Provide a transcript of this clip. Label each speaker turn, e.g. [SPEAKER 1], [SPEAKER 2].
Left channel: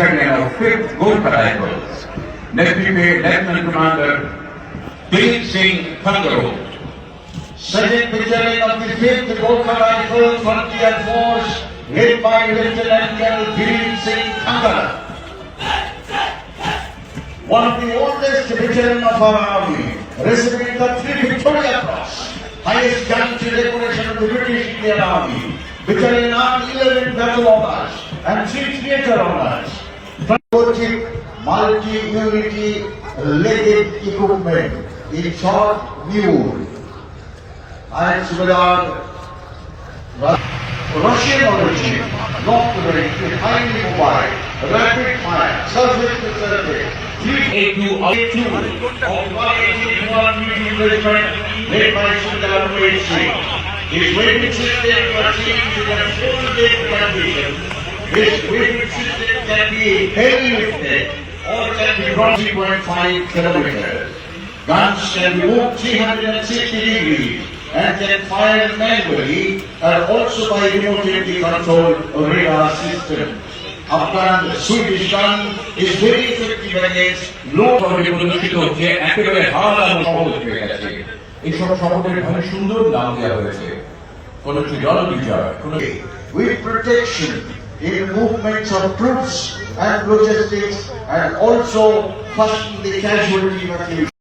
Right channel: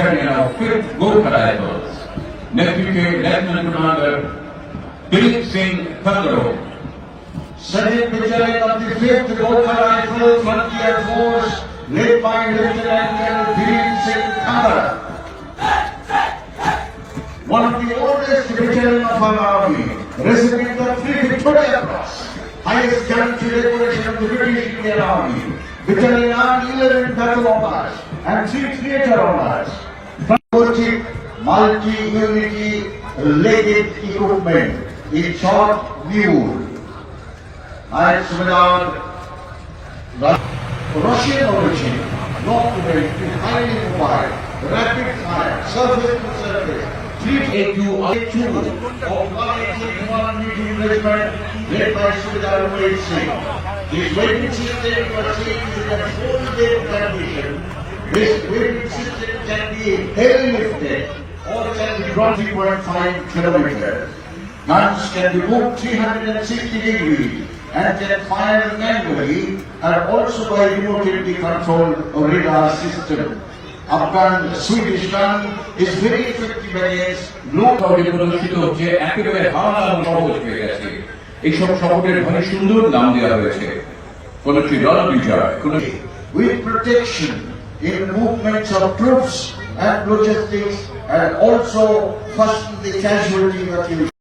[SPEAKER 1] Battalion of 5th Gorkha Rifles, Netrime Lieutenant Commander Dilip Singh Thangaro,
[SPEAKER 2] Second Battalion of the 5th Gorkha Rifle Frontier Force, led by Lieutenant Colonel Dilip Singh Thakkar. One of the oldest battalion of our army, receiving the three Victoria Cross, highest gallantry decoration of the British Indian Army. Battalion earned 11 battle honors and 3 theatre honors. Patriotic multi-unity legged equipment in short mule. Knight Subedar, Russian origin, not very highly mobile, rapid fire, surface to surface, A2 A2 of 181 Mutual Regiment led by Umesh Singh. His weapon system achieved This weapon system can be heavy lifted or can be brought 3.5 kilometers. Guns can be moved 360 degrees and can fire manually and also by remotely controlled radar system. Swedish gun is very effective against low
[SPEAKER 1] শহরে প্রদর্শিত হচ্ছে একেবারে হার সহজ হয়ে গেছে এইসব শহরের ভাবে সুন্দর নাম দেওয়া হয়েছে কোন একটি জনবিজয় কোন
[SPEAKER 2] with protection in movements of troops and logistics and also first the casualty of the